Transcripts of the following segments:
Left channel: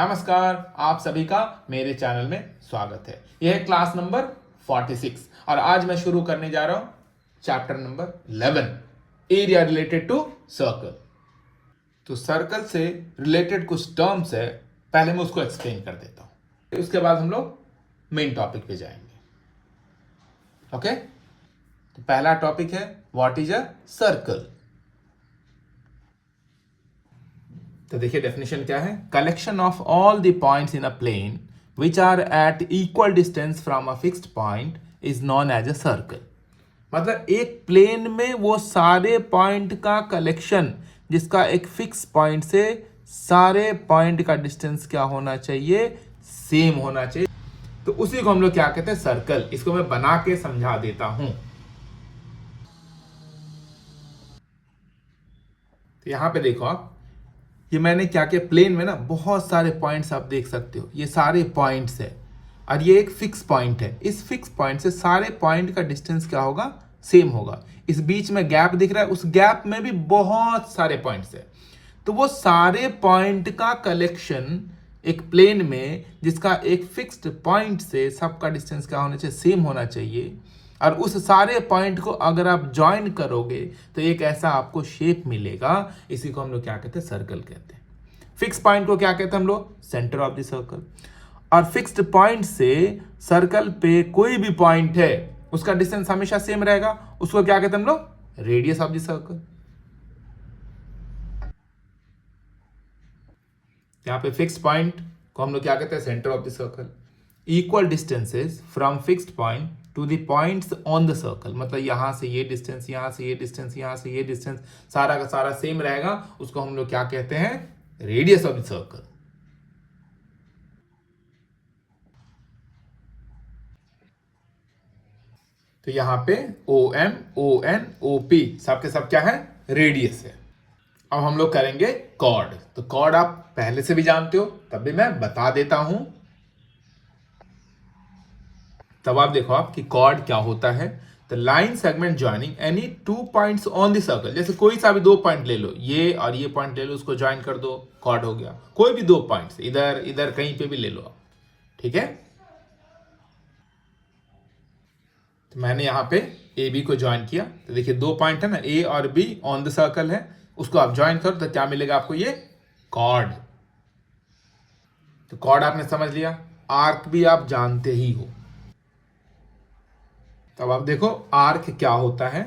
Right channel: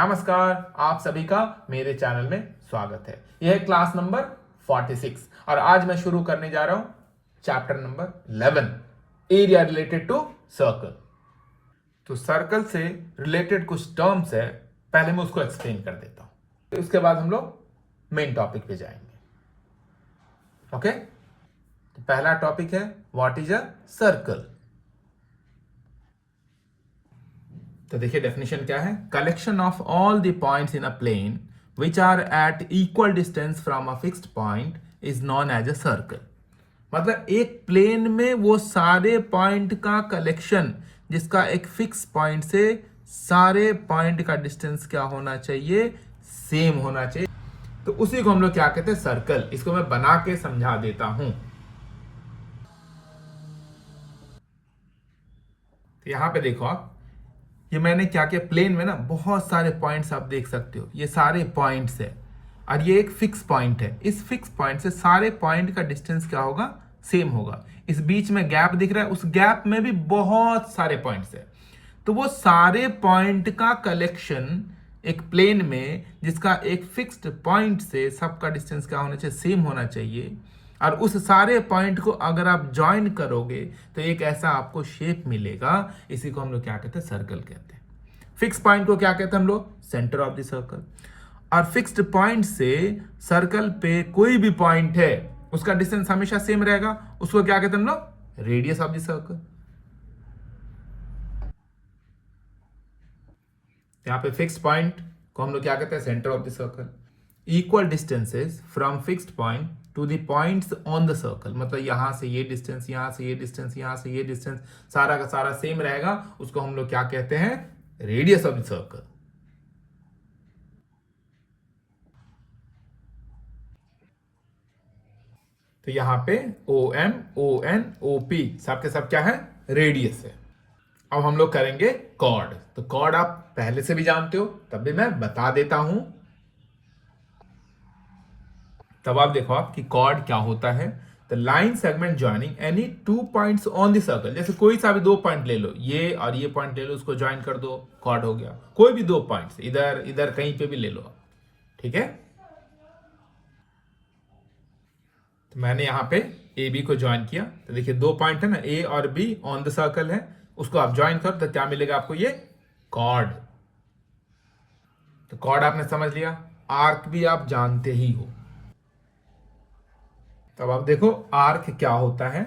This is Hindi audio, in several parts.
नमस्कार, आप सभी का मेरे चैनल में स्वागत है। यह है क्लास नंबर 46 और आज मैं शुरू करने जा रहा हूं chapter number 11 area related to circle. तो सर्कल से रिलेटेड कुछ टर्म्स है, पहले मैं उसको एक्सप्लेन कर देता हूं, उसके बाद हम लोग मेन टॉपिक पे जाएंगे। ओके, तो पहला टॉपिक है व्हाट इज अ सर्कल। तो देखिए डेफिनेशन क्या है, collection of all the points in a plane which are at equal distance from a fixed point is known as a circle. मतलब एक प्लेन में वो सारे पॉइंट का कलेक्शन जिसका एक फिक्स पॉइंट से सारे पॉइंट का डिस्टेंस क्या होना चाहिए, सेम होना चाहिए। तो उसी को हम लोग क्या कहते हैं, सर्कल। इसको मैं बना के समझा देता हूं। तो यहां पे देखो आप, ये मैंने क्या किया, प्लेन में ना बहुत सारे पॉइंट्स आप देख सकते हो, ये सारे पॉइंट्स है और ये एक फिक्स पॉइंट है। इस फिक्स पॉइंट से सारे पॉइंट का डिस्टेंस क्या होगा, सेम होगा। इस बीच में गैप दिख रहा है, उस गैप में भी बहुत सारे पॉइंट्स है। तो वो सारे पॉइंट का कलेक्शन एक प्लेन में जिसका एक फिक्स्ड पॉइंट से सबका डिस्टेंस क्या होना चाहिए, सेम होना चाहिए। और उस सारे पॉइंट को अगर आप ज्वाइन करोगे तो एक ऐसा आपको शेप मिलेगा। इसी को हम लोग क्या कहते हैं, सर्कल कहते हैं। फिक्स पॉइंट को क्या कहते हैं हम लोग, सेंटर ऑफ द सर्कल। और फिक्स्ड पॉइंट से सर्कल पे कोई भी पॉइंट है उसका डिस्टेंस हमेशा सेम रहेगा, उसको क्या कहते हैं हम लोग, रेडियस ऑफ द सर्कल। यहां पे फिक्स पॉइंट को हम लोग क्या कहते हैं, centre of the circle. Equal distances from fixed point two the points on the circle, मतलब यहां से ये डिस्टेंस, यहां से ये डिस्टेंस, यहां से ये डिस्टेंस, सारा का सारा सेम रहेगा। उसको हम लोग क्या कहते हैं, रेडियस ऑफ द सर्कल। तो यहां पे O M, O N, O P सबके सब क्या है, रेडियस है। अब हम लोग करेंगे कॉर्ड। तो कॉर्ड आप पहले से भी जानते हो, तब भी मैं बता देता हूं। तब आप देखो आप कि कॉर्ड क्या होता है। The line segment joining any two points on the circle. जैसे कोई सा भी दो पॉइंट ले लो, ये और ये पॉइंट ले लो, उसको ज्वाइन कर दो, कॉर्ड हो गया। कोई भी दो पॉइंट्स इधर इधर कहीं पे भी ले लो आप, ठीक है। तो मैंने यहां पे ए बी को ज्वाइन किया, तो देखिए दो पॉइंट है ना, ए और बी ऑन द सर्कल है, उसको आप ज्वाइन करो तो क्या मिलेगा आपको, ये कॉर्ड। तो कॉर्ड आपने समझ लिया। आर्क भी आप जानते ही हो। तब आप देखो आर्क क्या होता है,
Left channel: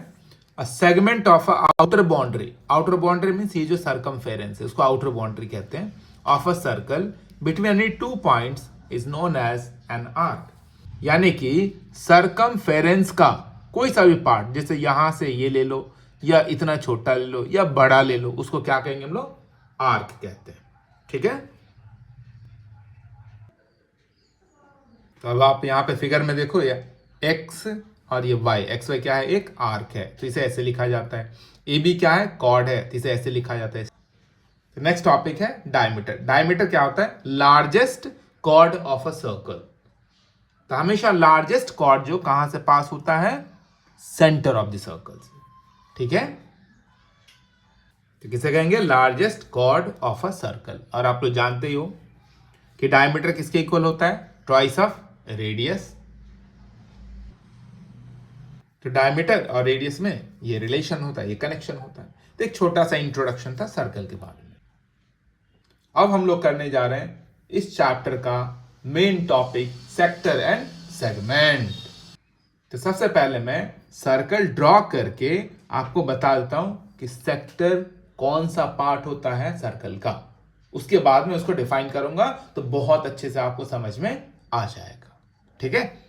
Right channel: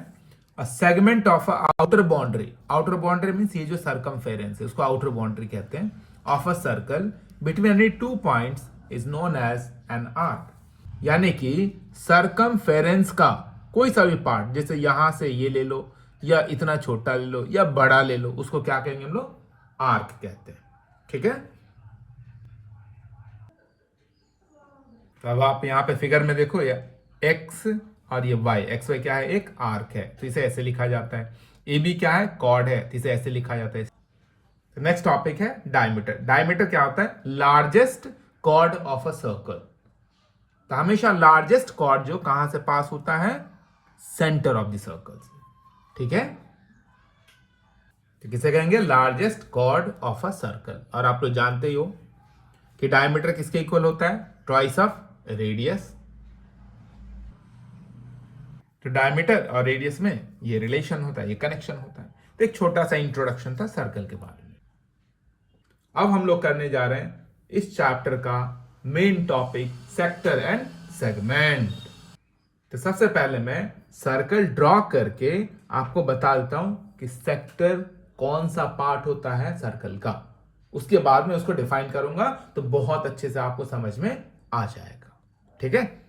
a segment of outer boundary. Outer boundary means ये जो सरकमफेरेंस है उसको आउटर बाउंड्री कहते हैं, of a circle between any two points is known as an arc. यानी कि सरकमफेरेंस का कोई सा भी पार्ट, जैसे यहां से ये ले लो या इतना छोटा ले लो या बड़ा ले लो, उसको क्या कहेंगे हम लोग, आर्क कहते हैं, ठीक है। तो अब आप यहां पे फिगर में देखो, ये एक्स और ये वाई, एक्स वाई क्या है, एक आर्क है, तो इसे ऐसे लिखा जाता है। ए बी क्या है, कॉर्ड है, तो इसे ऐसे लिखा जाता है। तो नेक्स्ट टॉपिक है डायमीटर। डायमीटर क्या होता है, largest chord of a circle. तो हमेशा लार्जेस्ट कॉर्ड जो कहां से पास होता है, सेंटर ऑफ द सर्कल से, ठीक है। तो किसे कहेंगे, largest chord of a circle. और आप लोग जानते ही हो कि डायमीटर किसके इक्वल होता है, ट्वाइस ऑफ रेडियस। तो डायमीटर और रेडियस में ये रिलेशन होता है, ये कनेक्शन होता है। तो एक छोटा सा इंट्रोडक्शन था सर्कल के बारे में। अब हम लोग करने जा रहे हैं इस चैप्टर का main topic, sector and segment. तो सबसे पहले मैं सर्कल ड्रॉ करके आपको बता देता हूं कि सेक्टर कौन सा पार्ट होता है सर्कल का। उसके बाद में उसको डिफाइन करूंगा तो बहुत अच्छे से आपको समझ में आ जाएगा, ठीक है।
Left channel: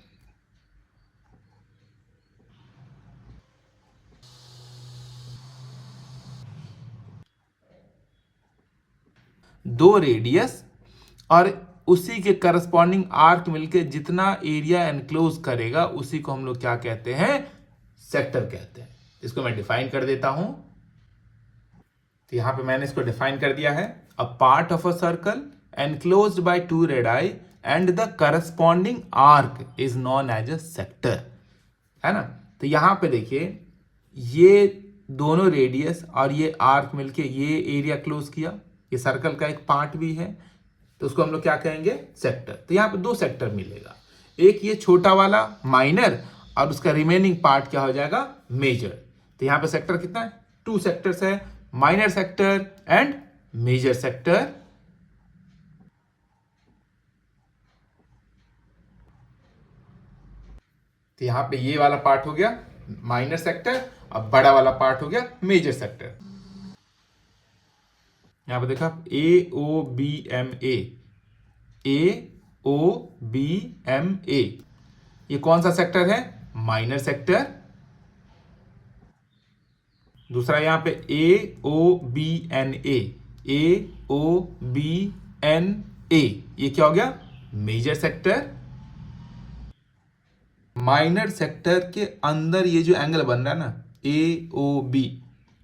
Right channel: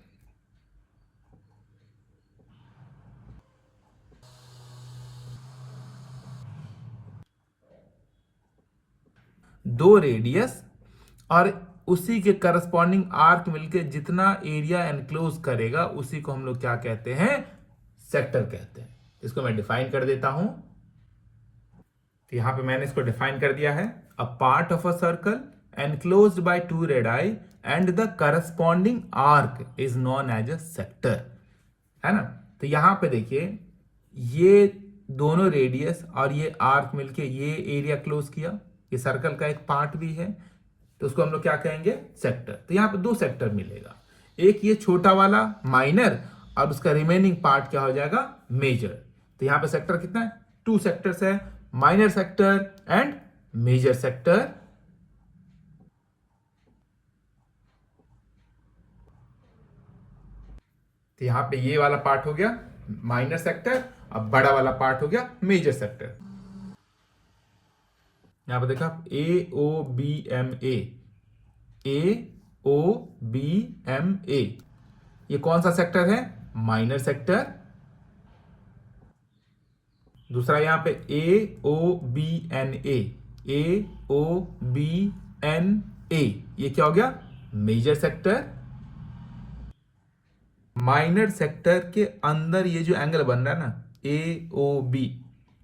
दो रेडियस और उसी के करस्पॉन्डिंग आर्क मिलके जितना एरिया एनक्लोज करेगा उसी को हम लोग क्या कहते हैं, सेक्टर कहते हैं। इसको मैं डिफाइन कर देता हूं। तो यहां पे मैंने इसको डिफाइन कर दिया है, a part of a circle enclosed by two radii and the corresponding arc is known as a sector, है ना। तो यहां पे देखिए, ये दोनों रेडियस और ये आर्क मिलके ये एरिया क्लोज किया, ये सर्कल का एक पार्ट भी है। तो उसको हम लोग क्या कहेंगे, सेक्टर। तो यहाँ पे दो सेक्टर मिलेगा, एक ये छोटा वाला माइनर और उसका रिमेनिंग पार्ट क्या हो जाएगा, मेजर। तो यहाँ पे सेक्टर कितना है, 2 सेक्टर्स है, minor sector and major sector. तो यहाँ पे ये वाला पार्ट हो गया माइनर सेक्टर, अब बड़ा वाला पार्ट हो गया मेजर सेक्टर। यहां पे देखा AOBMA, AOBMA, ये कौन सा सेक्टर है, माइनर सेक्टर। दूसरा यहां पे AOBNA, AOBNA, ये क्या हो गया, मेजर सेक्टर। माइनर सेक्टर के अंदर ये जो एंगल बन रहा है ना AOB,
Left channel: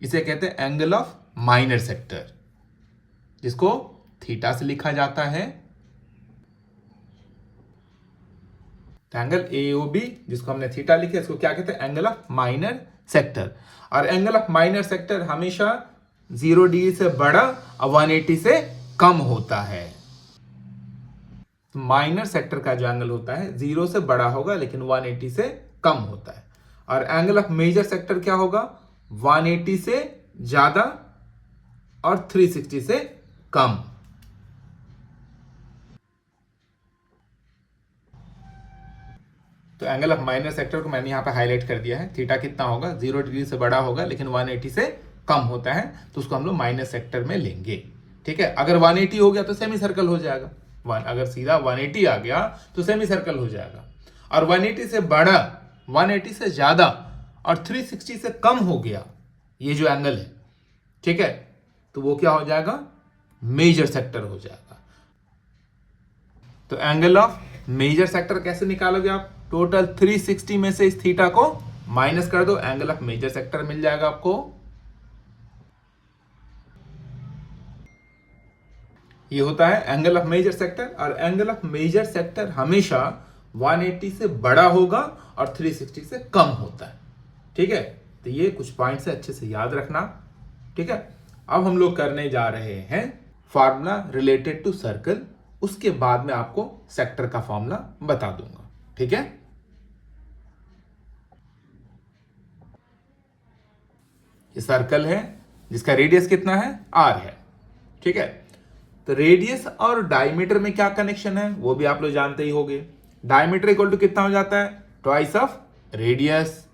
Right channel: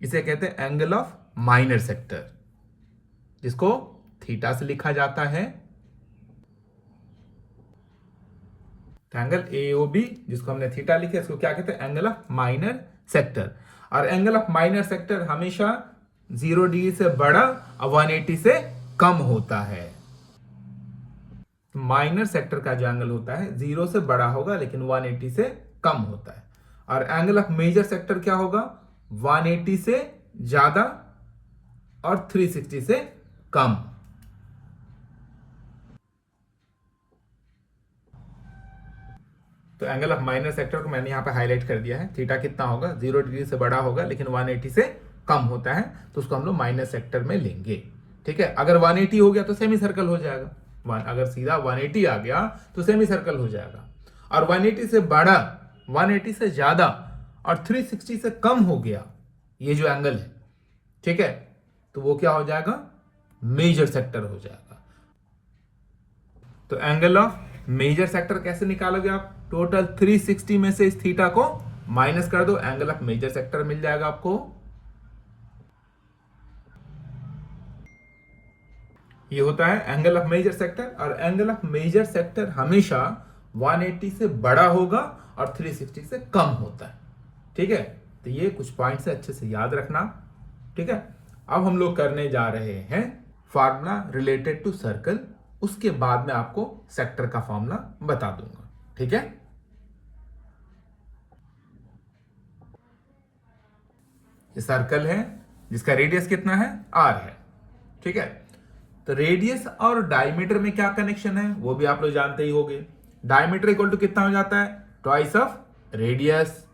इसे कहते हैं एंगल ऑफ माइनर सेक्टर, जिसको थीटा से लिखा जाता है। एंगल AOB जिसको हमने थीटा लिखा, इसको क्या कहते हैं, एंगल ऑफ माइनर सेक्टर। और एंगल ऑफ माइनर सेक्टर हमेशा 0 डिग्री से बड़ा और 180 से कम होता है। माइनर सेक्टर का जो एंगल होता है 0 से बड़ा होगा लेकिन 180 से कम होता है। और एंगल ऑफ मेजर सेक्टर क्या होगा, 180 से ज्यादा और 360 से कम। तो एंगल ऑफ माइनर सेक्टर को मैंने यहां पे हाईलाइट कर दिया है। थीटा कितना होगा, 0 डिग्री से बड़ा होगा लेकिन 180 से कम होता है, तो उसको हम लोग माइनर सेक्टर में लेंगे। ठीक है, अगर 180 हो गया तो सेमी सर्कल हो जाएगा। अगर सीधा 180 आ गया तो सेमी सर्कल हो जाएगा। और 180 से बड़ा, 180 से ज्यादा और 360 से कम हो गया ये जो एंगल है, ठीक है, तो वो क्या हो जाएगा, मेजर सेक्टर हो जाएगा। तो एंगल ऑफ मेजर सेक्टर कैसे निकालोगे आप, टोटल 360 में से इस थीटा को माइनस कर दो, एंगल ऑफ मेजर सेक्टर मिल जाएगा आपको। ये होता है एंगल ऑफ मेजर सेक्टर। और एंगल ऑफ मेजर सेक्टर हमेशा 180 से बड़ा होगा और 360 से कम होता है। ठीक है, तो ये कुछ पॉइंट्स है, अच्छे से याद रखना। ठीक है, अब हम लोग करने जा रहे हैं फार्मूला रिलेटेड टू सर्कल, उसके बाद में आपको सेक्टर का फॉर्मूला बता दूंगा। ठीक है, ये सर्कल है जिसका रेडियस कितना है, r है। ठीक है, तो रेडियस और डायमीटर में क्या कनेक्शन है वो भी आप लोग जानते ही होंगे। डायमीटर इक्वल टू कितना हो जाता है, ट्वाइस ऑफ रेडियस।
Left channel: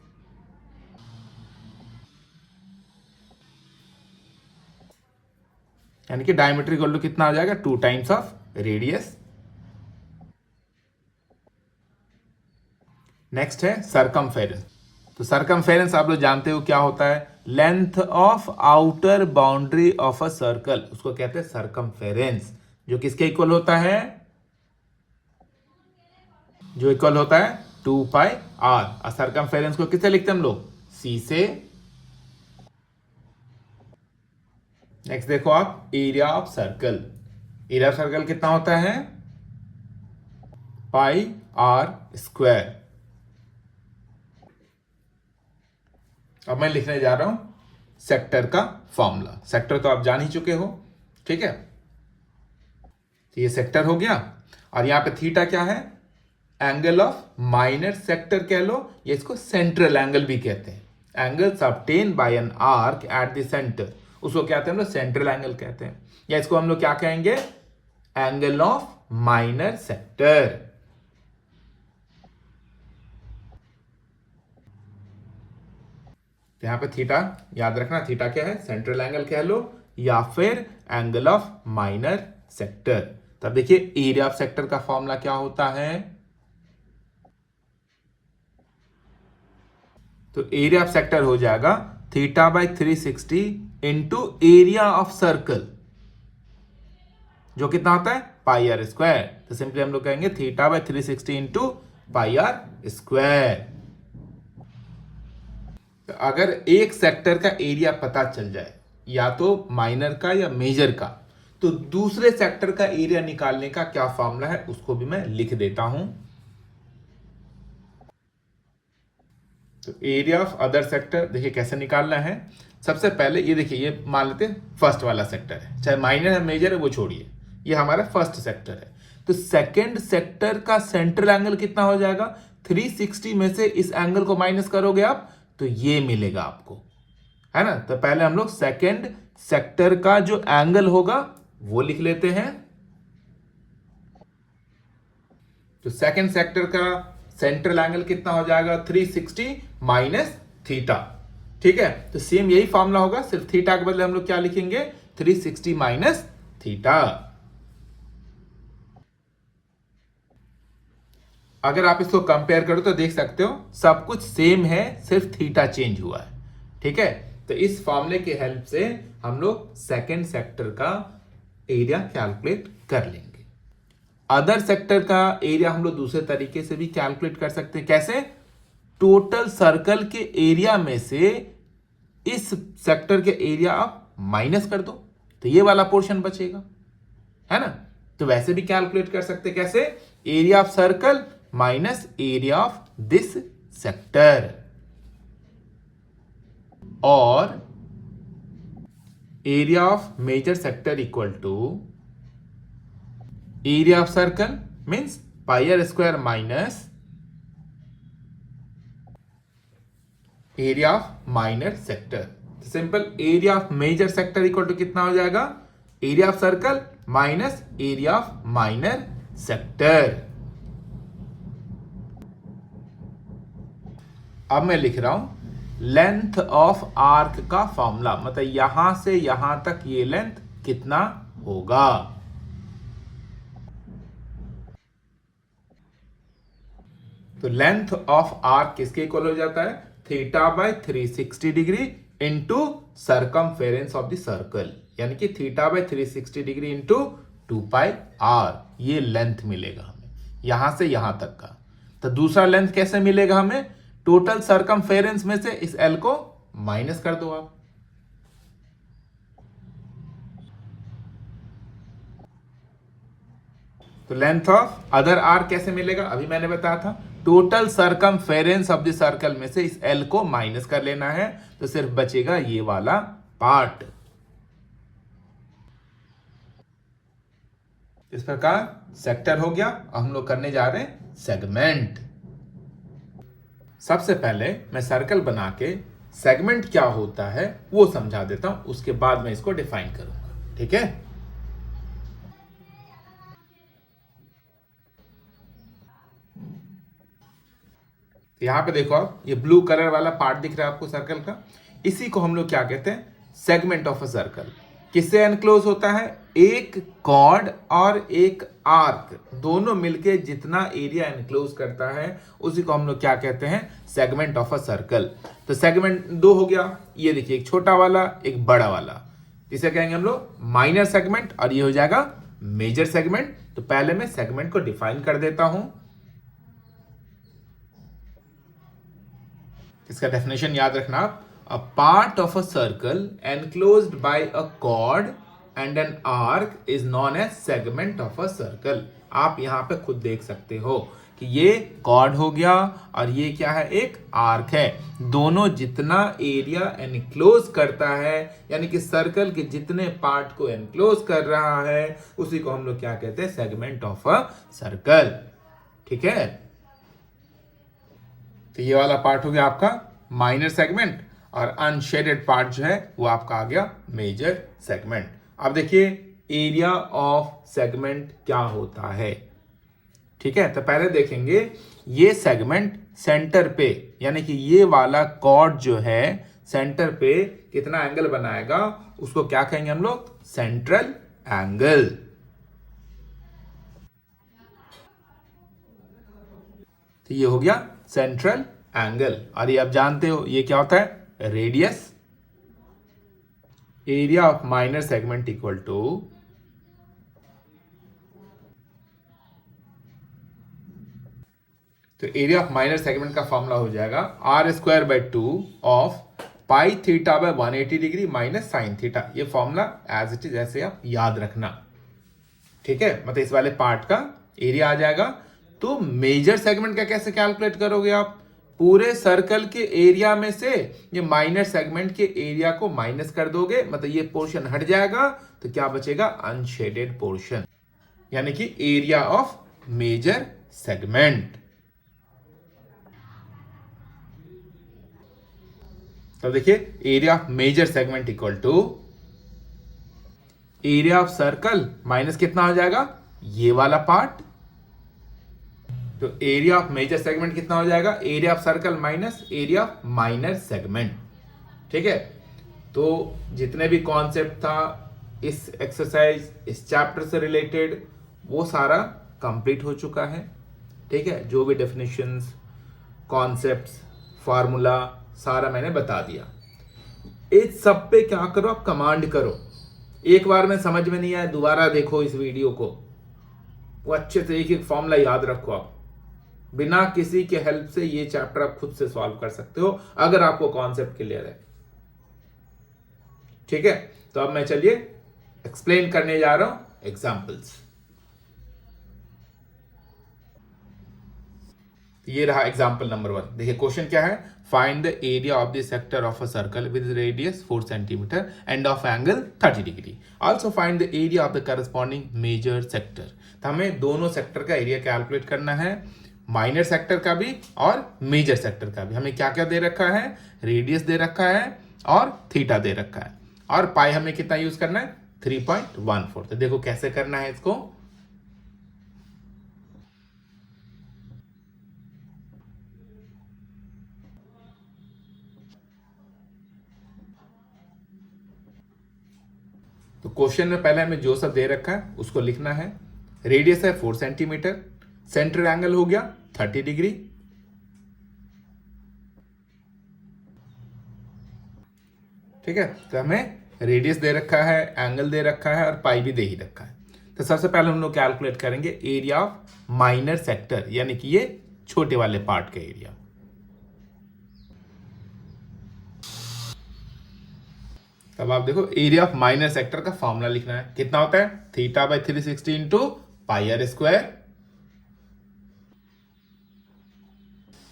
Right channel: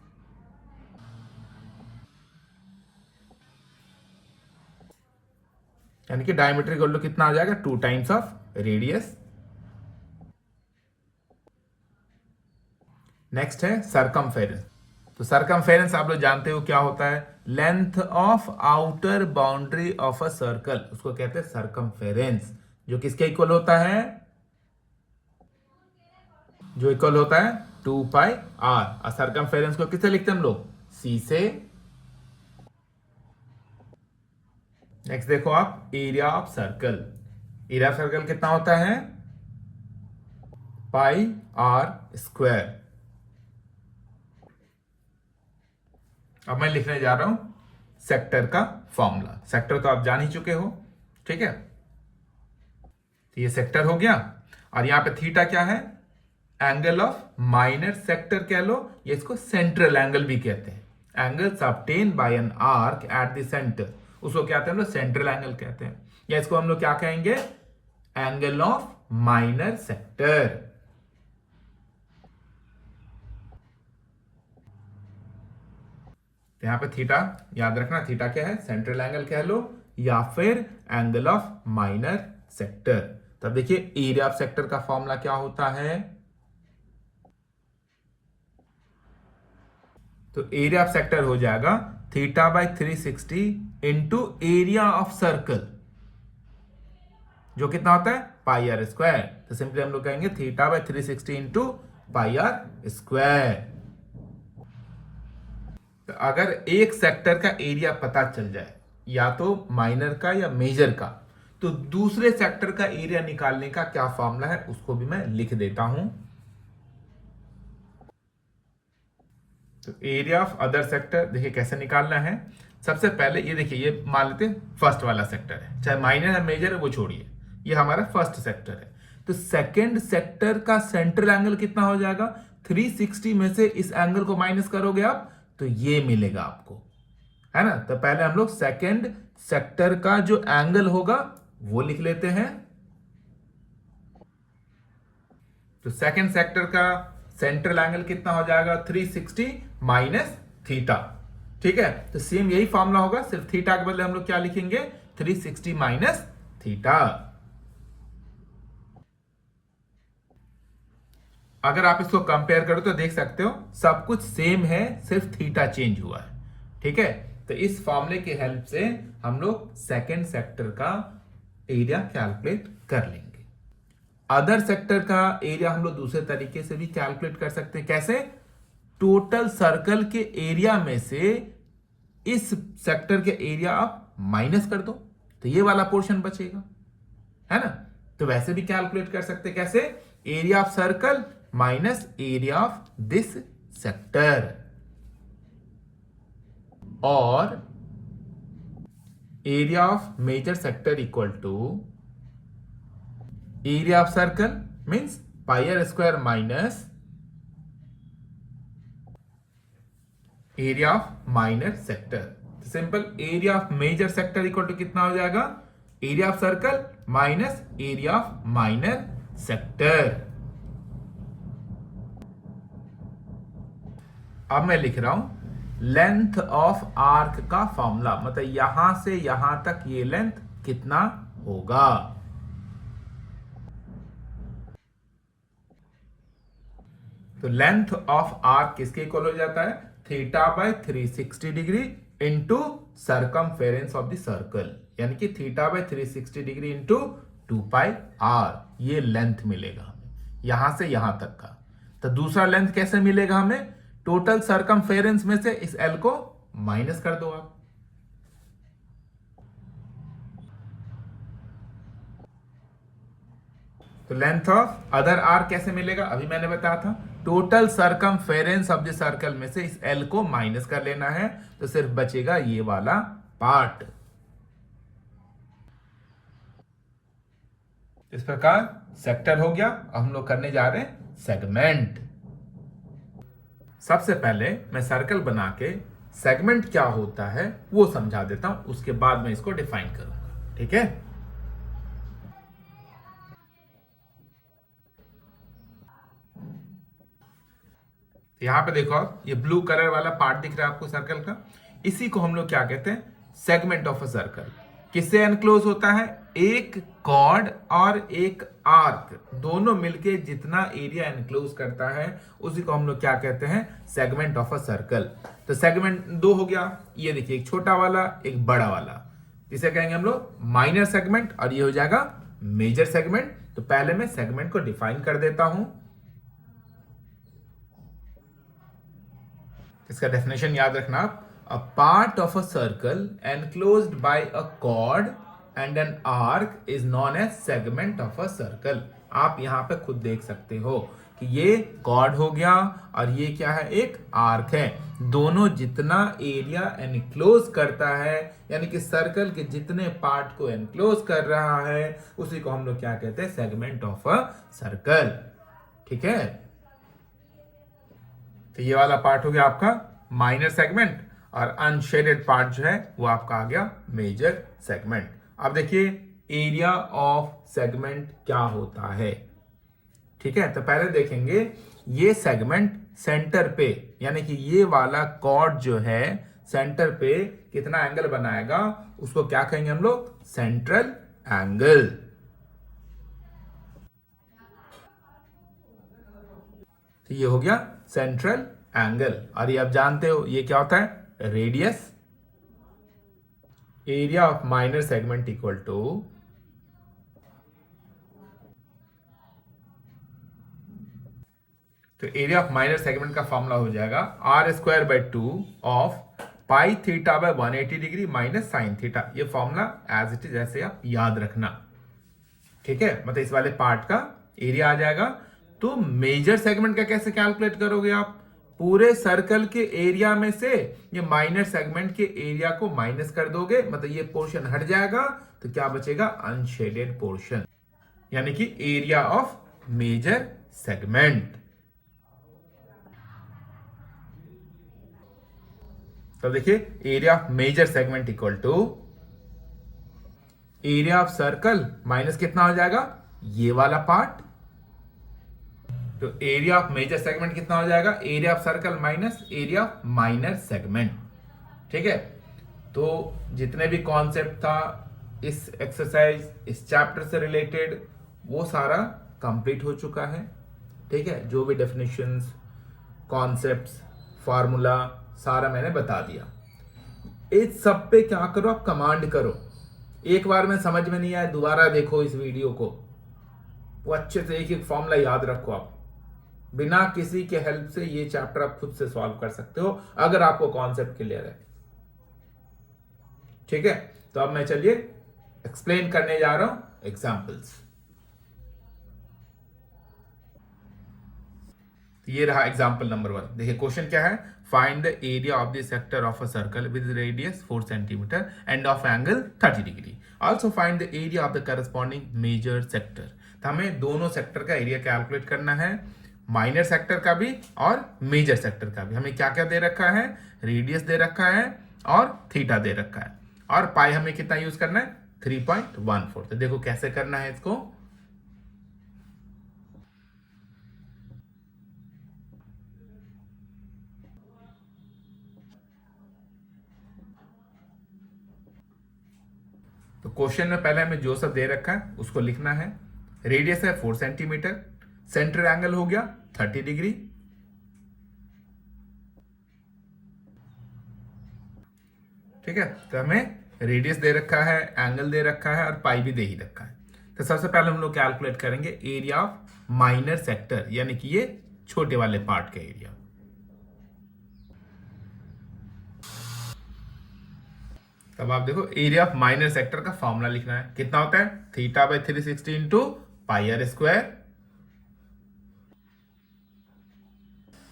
यानी कि डायमीटर इक्वल टू कितना हो जाएगा, 2 टाइम्स ऑफ रेडियस। नेक्स्ट है सरकमफेरेंस। तो सरकमफेरेंस आप लोग जानते हो क्या होता है, length of outer boundary of a circle, उसको कहते हैं सरकमफेरेंस, जो किसके इक्वल होता है, जो इक्वल होता है 2 पाई r। और सरकमफेरेंस को किससे लिखते हैं हम लोग, c से। नेक्स्ट देखो आप, area of circle. Area of circle कितना होता है, पाई r स्क्वायर। अब मैं लिखने जा रहा हूं सेक्टर का फॉर्मूला। सेक्टर तो आप जान ही चुके हो। ठीक है, तो ये सेक्टर हो गया। और यहां पे थीटा क्या है, एंगल ऑफ माइनर सेक्टर कह लो, ये इसको सेंट्रल एंगल भी कहते हैं। Angles obtain bye an arc at the centre, उसको क्या कहते हैं हम लोग, सेंट्रल एंगल कहते हैं। या इसको हम लोग क्या कहेंगे, एंगल ऑफ माइनर सेक्टर। तो यहां पे थीटा याद रखना, थीटा क्या है, सेंट्रल एंगल कह लो या फिर एंगल ऑफ माइनर सेक्टर। तब देखिए एरिया ऑफ सेक्टर का फॉर्मूला क्या होता है, तो एरिया ऑफ सेक्टर हो जाएगा theta by 360 into area of circle, जो कितना होता है, पाई आर स्क्वायर। तो सिंपली हम लोग कहेंगे theta by 360 into pi r square. तो अगर एक सेक्टर का एरिया पता चल जाए, या तो माइनर का या मेजर का, तो दूसरे सेक्टर का एरिया निकालने का क्या फॉर्मूला है उसको भी मैं लिख देता हूं। तो एरिया ऑफ अदर सेक्टर देखिए कैसे निकालना है। सबसे पहले ये देखिए, ये मान लेते फर्स्ट वाला सेक्टर है, चाहे माइनर या मेजर है वो छोड़िए, ये हमारा फर्स्ट सेक्टर है। तो सेकंड सेक्टर का सेंट्रल एंगल कितना हो जाएगा, 360 में से इस एंगल को माइनस करोगे आप तो ये मिलेगा आपको, है ना। तो पहले हम लोग सेकंड सेक्टर का जो एंगल होगा वो लिख लेते हैं। तो सेकंड सेक्टर का सेंट्रल एंगल कितना हो जाएगा, 360 माइनस थीटा। ठीक है, तो सेम यही फॉर्मूला होगा, सिर्फ थीटा के बदले हम लोग क्या लिखेंगे, 360 माइनस थीटा। अगर आप इसको कंपेयर करो तो देख सकते हो सब कुछ सेम है, सिर्फ थीटा चेंज हुआ है। ठीक है, तो इस फॉर्मूले की हेल्प से हम लोग सेकंड सेक्टर का एरिया कैलकुलेट कर लेंगे। अदर सेक्टर का एरिया हम लोग दूसरे तरीके से भी कैलकुलेट कर सकते हैं। कैसे, टोटल सर्कल के एरिया में से इस सेक्टर के एरिया आप माइनस कर दो तो ये वाला पोर्शन बचेगा, है ना। तो वैसे भी कैलकुलेट कर सकते हैं। कैसे, area of circle minus area of this sector, और area of major sector equal to area of circle means pi r square minus area of minor sector. Simple, area of major sector equal to कितना हो जाएगा, area of circle minus area of minor sector. अब मैं लिख रहा हूं लेंथ ऑफ आर्क का फॉर्मूला, मतलब यहां से यहां तक ये लेंथ कितना होगा। तो लेंथ ऑफ आर्क किसके इक्वल हो जाता है, theta by 360 degree into circumference of the circle, यानी कि theta by 360 degree into 2 pi r. ये लेंथ मिलेगा हमें यहां से यहां तक का। तो दूसरा लेंथ कैसे मिलेगा हमें, टोटल सर्कमफेरेंस में से इस एल को माइनस कर दो आप। तो लेंथ ऑफ अदर आर कैसे मिलेगा, अभी मैंने बताया था, total circumference of the circle में से इस एल को माइनस कर लेना है, तो सिर्फ बचेगा ये वाला पार्ट। इस प्रकार सेक्टर हो गया। अब हम लोग करने जा रहे हैं सेगमेंट। सबसे पहले मैं सर्कल बना के सेगमेंट क्या होता है वो समझा देता हूं, उसके बाद मैं इसको डिफाइन करूंगा। ठीक है, यहां पे देखो आप, ये ब्लू कलर वाला पार्ट दिख रहा है आपको सर्कल का, इसी को हम लोग क्या कहते हैं, सेगमेंट ऑफ अ सर्कल। किससे एनक्लोज होता है, एक कॉर्ड और एक आर्क, दोनों मिलके जितना एरिया एनक्लोज करता है उसी को हम लोग क्या कहते हैं, सेगमेंट ऑफ अ सर्कल। तो सेगमेंट दो हो गया, ये देखिए एक छोटा वाला एक बड़ा वाला, इसे कहेंगे हम लोग माइनर सेगमेंट, और ये हो जाएगा मेजर सेगमेंट। तो पहले मैं सेगमेंट को डिफाइन कर देता हूं। इसका डेफिनेशन याद रखना आप, a part of a circle enclosed by a chord and an arc is known as segment of a circle. आप यहां पे खुद देख सकते हो कि ये कॉर्ड हो गया और ये क्या है, एक आर्क है। दोनों जितना एरिया एनक्लोज करता है, यानी कि सर्कल के जितने पार्ट को एनक्लोज कर रहा है, उसी को हम लोग क्या कहते हैं, सेगमेंट ऑफ अ सर्कल। ठीक है, तो ये वाला पार्ट हो गया आपका माइनर सेगमेंट, और अनशेडेड पार्ट जो है वो आपका आ गया मेजर सेगमेंट। अब देखिए एरिया ऑफ सेगमेंट क्या होता है। ठीक है, तो पहले देखेंगे ये सेगमेंट सेंटर पे, यानी कि ये वाला कॉर्ड जो है सेंटर पे कितना एंगल बनाएगा, उसको क्या कहेंगे हम लोग, सेंट्रल एंगल। तो ये हो गया सेंट्रल एंगल, और ये आप जानते हो ये क्या होता है, radius. Area of minor segment equal to तो एरिया ऑफ माइनर सेगमेंट का फॉर्मूला हो जाएगा r square by 2 of pi theta by 180 degree minus sine theta. ये फॉर्मूला एज इट इज ऐसे आप याद रखना। ठीक है, मतलब इस वाले पार्ट का एरिया आ जाएगा। तो मेजर सेगमेंट का कैसे कैलकुलेट करोगे आप, पूरे सर्कल के एरिया में से ये माइनर सेगमेंट के एरिया को माइनस कर दोगे, मतलब ये पोर्शन हट जाएगा, तो क्या बचेगा, अनशेडेड पोर्शन। यानी कि एरिया ऑफ मेजर सेगमेंट। तो देखिए area of major segment equal to area of circle minus कितना हो जाएगा, ये वाला पार्ट। तो एरिया ऑफ मेजर सेगमेंट कितना हो जाएगा, area of circle minus area of minor segment. ठीक है, तो जितने भी कॉन्सेप्ट था इस एक्सरसाइज, इस चैप्टर से रिलेटेड, वो सारा कंप्लीट हो चुका है। ठीक है, जो भी डेफिनेशंस, कॉन्सेप्ट्स, फार्मूला सारा मैंने बता दिया। इस सब पे क्या करो, आप कमांड करो। एक बार में समझ में नहीं आया, दोबारा देखो इस वीडियो को, वो अच्छे से एक एक फॉर्मूला याद रखो। आप बिना किसी के हेल्प से ये चैप्टर आप खुद से सॉल्व कर सकते हो, अगर आपको कॉन्सेप्ट क्लियर है। ठीक है, तो अब मैं चलिए एक्सप्लेन करने जा रहा हूं एग्जांपल्स। ये रहा एग्जांपल नंबर 1। देखिए क्वेश्चन क्या है, find the area of the sector of a circle with radius 4 centimetre and of angle 30 degree. Also find the area of the corresponding major sector. तो हमें दोनों सेक्टर का एरिया कैलकुलेट करना है, माइनर सेक्टर का भी और मेजर सेक्टर का भी। हमें क्या क्या दे रखा है, रेडियस दे रखा है और थीटा दे रखा है, और पाई हमें कितना यूज करना है, 3.14। तो देखो कैसे करना है इसको। तो क्वेश्चन में पहले हमें जो सब दे रखा है उसको लिखना है। रेडियस है 4 सेंटीमीटर, सेंटर एंगल हो गया 30 डिग्री। ठीक है, तो हमें रेडियस दे रखा है, एंगल दे रखा है और पाई भी दे ही रखा है। तो सबसे पहले हम लोग कैलकुलेट करेंगे एरिया ऑफ माइनर सेक्टर, यानी कि ये छोटे वाले पार्ट का एरिया। तब आप देखो एरिया ऑफ माइनर सेक्टर का फॉर्मूला लिखना है, कितना होता है, theta by 360 into pi r square.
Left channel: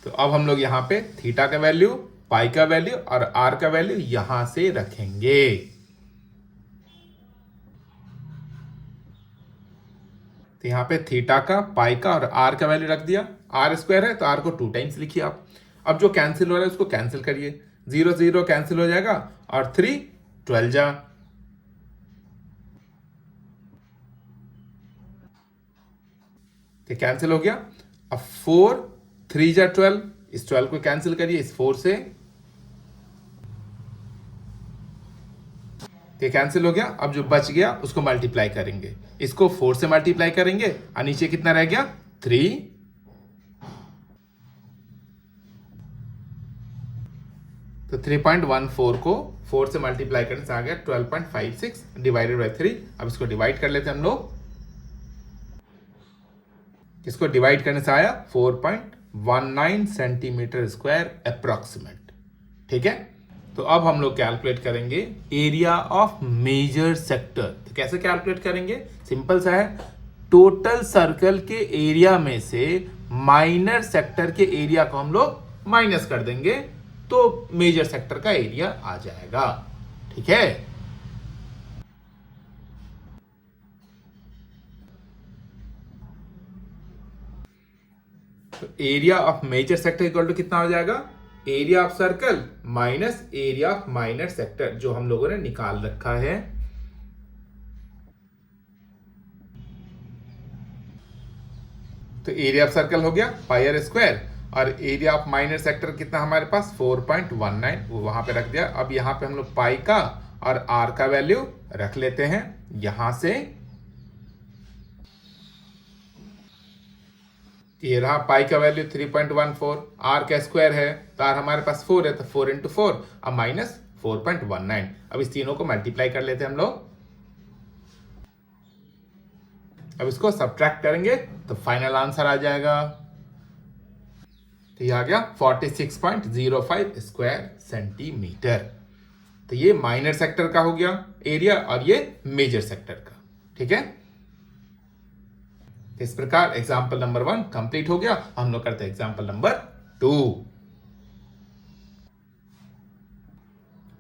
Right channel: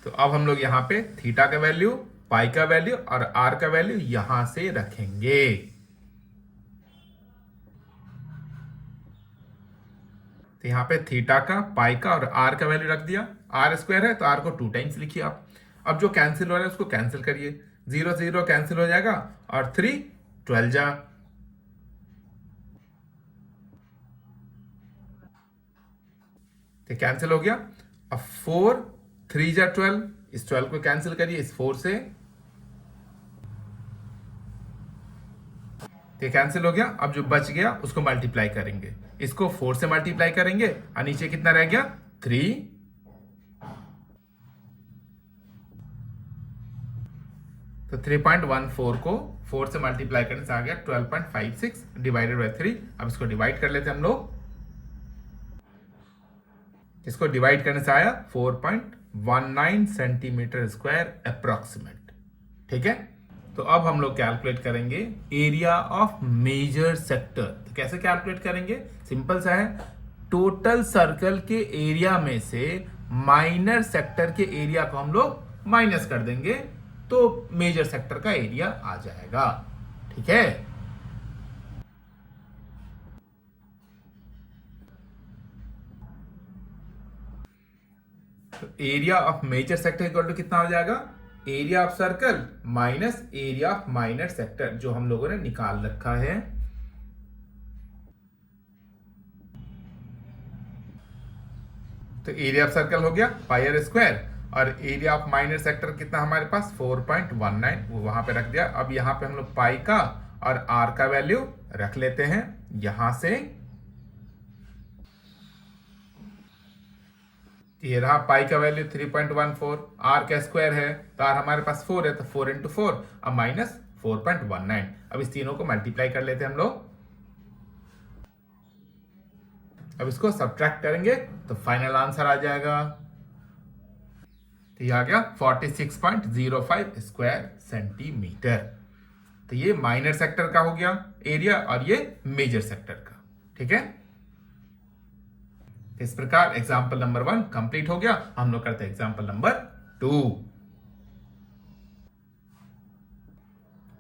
तो अब हम लोग यहां पे थीटा का वैल्यू, पाई का वैल्यू और आर का वैल्यू यहां से रखेंगे। तो यहां पे थीटा का, पाई का और आर का वैल्यू रख दिया। आर स्क्वायर है तो आर को 2 टाइम्स लिखिए आप। अब जो कैंसिल हो रहा है उसको कैंसिल करिए, 0 0 कैंसिल हो जाएगा और 3 12 जा। तो कैंसिल हो गया। अब 4 3 जा 12, इस 12 को कैंसिल करिए इस 4 से, तो कैंसिल हो गया। अब जो बच गया उसको मल्टीप्लाई करेंगे, इसको 4 से मल्टीप्लाई करेंगे और नीचे कितना रह गया, 3। तो 3.14 को 4 से मल्टीप्लाई करने से आ गया 12.56 डिवाइडेड बाई 3। अब इसको डिवाइड कर लेते हैं हम लोग, इसको डिवाइड करने से आया 4.19 सेंटीमीटर स्क्वायर अप्रोक्सीमेट। ठीक है, तो अब हम लोग कैलकुलेट करेंगे एरिया ऑफ मेजर सेक्टर। तो कैसे कैलकुलेट करेंगे, सिंपल सा है, टोटल सर्कल के एरिया में से माइनर सेक्टर के एरिया को हम लोग माइनस कर देंगे, तो मेजर सेक्टर का एरिया आ जाएगा। ठीक है, तो area of major sector equal to कितना हो जाएगा, area of circle minus area of minor sector, जो हम लोगों ने निकाल रखा है। तो एरिया ऑफ सर्कल हो गया पाई आर स्क्वायर, और एरिया ऑफ माइनर सेक्टर कितना हमारे पास 4.19, वो वहां पे रख दिया। अब यहां पे हम लोग पाई का और आर का वैल्यू रख लेते हैं यहां से। ये रहा पाई का वैल्यू 3.14, आर का स्क्वायर है तो आर हमारे पास 4 है, तो 4 इंटू 4 अब माइनस 4.19। अब इस तीनों को मल्टीप्लाई कर लेते हैं हम लोग। अब इसको सब्ट्रैक्ट करेंगे तो फाइनल आंसर आ जाएगा, तो ये आ गया 46.05 स्क्वायर सेंटीमीटर। तो ये माइनर सेक्टर का हो गया एरिया और ये मेजर सेक्टर का। ठीक है, इस प्रकार एग्जांपल नंबर 1 कंप्लीट हो गया। हम लोग करते हैं एग्जांपल नंबर 2।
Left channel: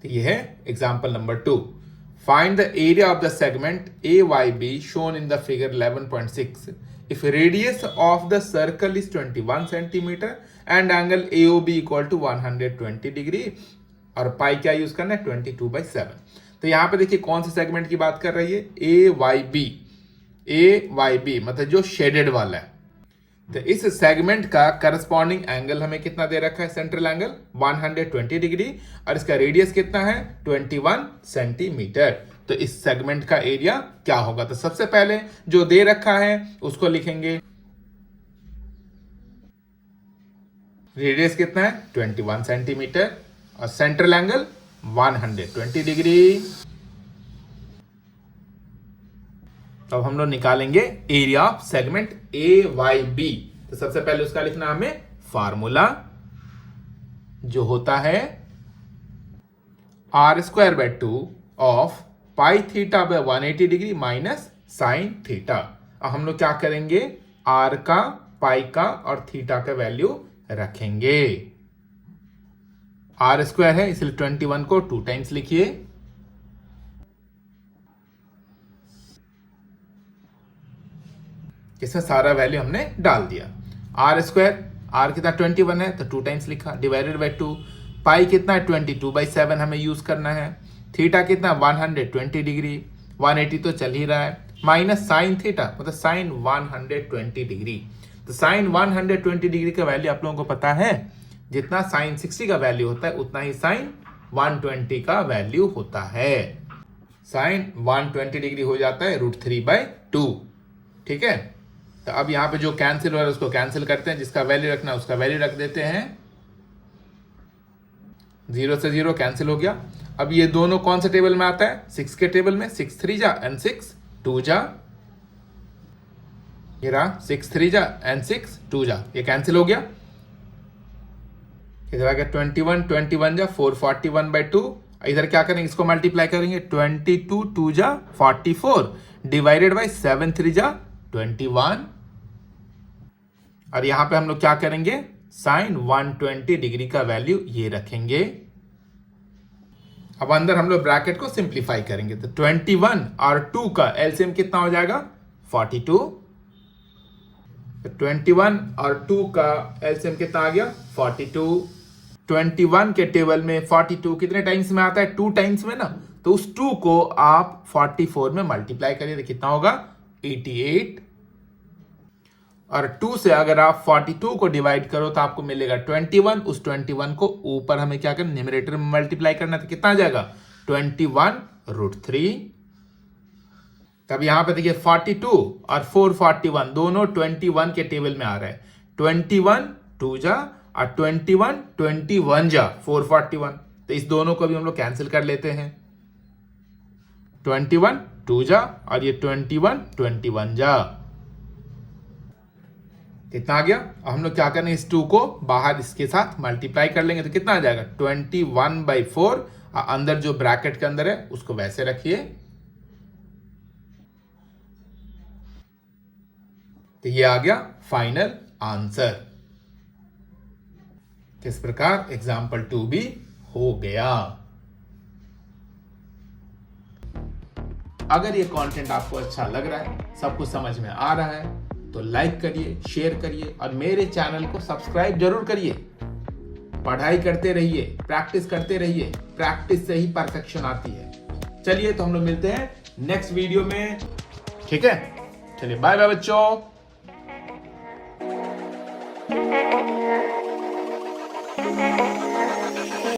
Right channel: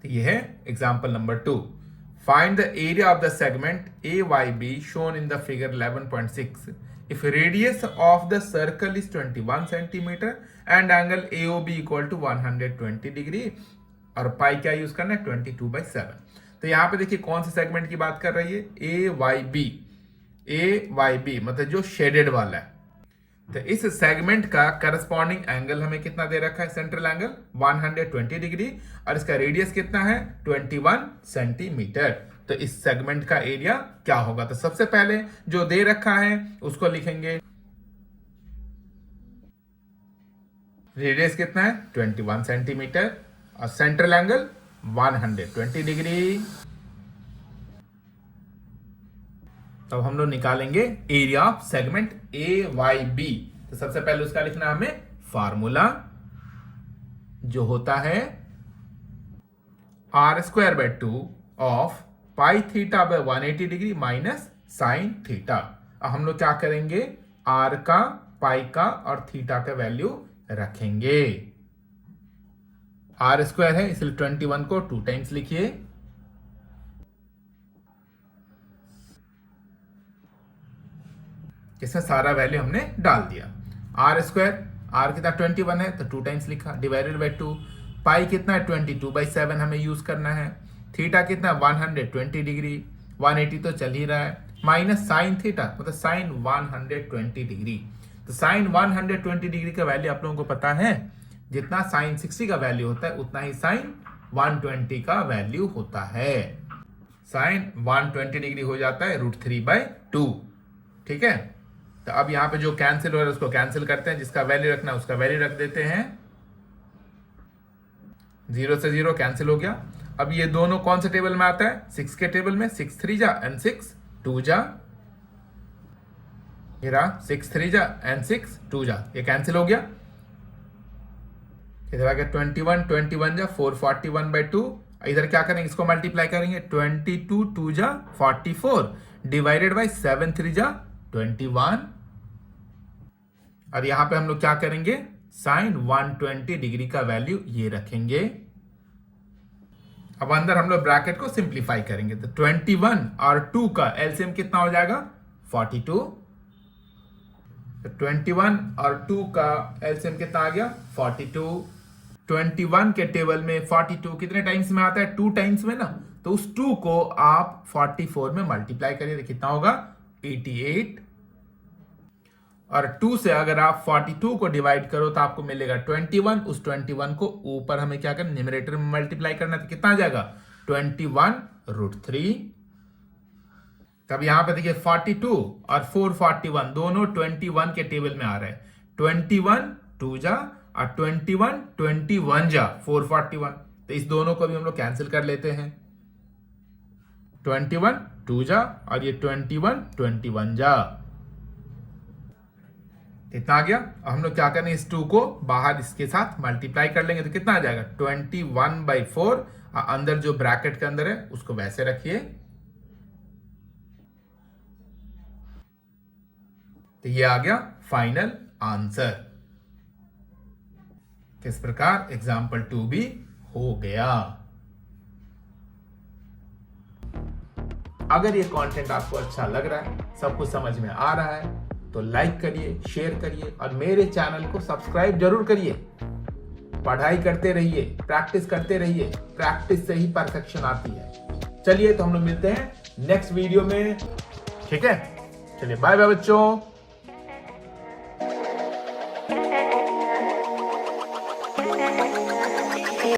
तो ये है example number 2, Find the area of the segment AYB shown in the figure 11.6 if radius of the circle is 21 centimeter and angle AOB equal to 120 degree और पाई क्या यूज करना है 22/7। तो यहाँ पे देखिए कौन से सेगमेंट की बात कर रही है AYB मतलब जो शेडेड वाला है। तो इस सेगमेंट का करस्पॉन्डिंग एंगल हमें कितना दे रखा है सेंट्रल एंगल 120 डिग्री और इसका रेडियस कितना है 21 सेंटीमीटर। तो इस सेगमेंट का एरिया क्या होगा? तो सबसे पहले जो दे रखा है उसको लिखेंगे, रेडियस कितना है 21 सेंटीमीटर और सेंट्रल एंगल 120 डिग्री। तो हम लोग निकालेंगे एरिया ऑफ सेगमेंट AYB। तो सबसे पहले उसका लिखना हमें फार्मूला जो होता है r² of pi theta by 180 degree minus sine theta. अब हम लोग क्या करेंगे r का पाई का और थीटा का वैल्यू रखेंगे। r² है इसलिए 21 को 2 टाइम्स लिखिए, इसमें सारा वैल्यू हमने डाल दिया। r² r कितना 21 है तो 2 टाइम्स लिखा, डिवाइडेड बाय 2। पाई कितना है 22/7 हमें यूज करना है। थीटा कितना 120 डिग्री, 180 तो चल ही रहा है, माइनस साइन थीटा मतलब साइन 120 डिग्री। तो साइन 120 डिग्री का वैल्यू आप लोगों को पता है, जितना साइन 60 का वैल्यू होता है उतना ही साइन 120 का वैल्यू होता है। साइन 120 डिग्री हो जाता है √3/2। ठीक है, तो अब यहां पे जो कैंसिल हो रहा है उसको कैंसिल करते हैं, जिसका वैल्यू रखना है उसका वैल्यू रख देते हैं। 0 से 0 कैंसिल हो गया। अब ये दोनों कौन से टेबल में आता है 6 के टेबल में, 6 3 जा एंड 6 2 जा, ये रहा 6 3 जा एंड 6 2 जा, ये कैंसिल हो गया। इधर आ गया 21 जा 441/2। इधर क्या करेंगे इसको मल्टीप्लाई करेंगे, 22 2 जा 44 डिवाइडेड बाय 7 3 जा 21 और यहां पे हम लोग क्या करेंगे साइन 120 डिग्री का वैल्यू ये रखेंगे। अब अंदर हम लोग ब्रैकेट को सिंप्लीफाई करेंगे तो 21 और 2 का एलसीएम कितना हो जाएगा 42। तो 21 और 2 का एलसीएम कितना आ गया 42। 21 के टेबल में 42 कितने टाइम्स में आता है 2 टाइम्स में ना, तो उस 2 को आप 44 में मल्टीप्लाई करिए तो कितना होगा 88। और 2 से अगर आप 42 को डिवाइड करो तो आपको मिलेगा 21। उस 21 को ऊपर हमें क्या करना न्यूमरेटर में मल्टीप्लाई करना, तो कितना आ जाएगा 21√3। तब यहां पे देखिए 42 और 441 दोनों 21 के टेबल में आ रहा है। 21 2 जा और 21 जा 441, तो इस दोनों को भी हम लोग कैंसिल कर लेते हैं। 21 2 जा और ये 21 जा, कितना आ गया। अब हम लोग क्या करें इस 2 को बाहर इसके साथ मल्टीप्लाई कर लेंगे तो कितना आ जाएगा 21/4। अंदर जो ब्रैकेट के अंदर है उसको वैसे रखिए। तो ये आ गया फाइनल आंसर। किस प्रकार एग्जाम्पल 2 भी हो गया। अगर ये कंटेंट आपको अच्छा लग रहा है, सब कुछ समझ में आ रहा है तो लाइक करिए, शेयर करिए और मेरे चैनल को सब्सक्राइब जरूर करिए। पढ़ाई करते रहिए, प्रैक्टिस करते रहिए, प्रैक्टिस से ही परफेक्शन आती है। चलिए तो हम लोग मिलते हैं नेक्स्ट वीडियो में। ठीक है, चलिए बाय बाय बच्चों।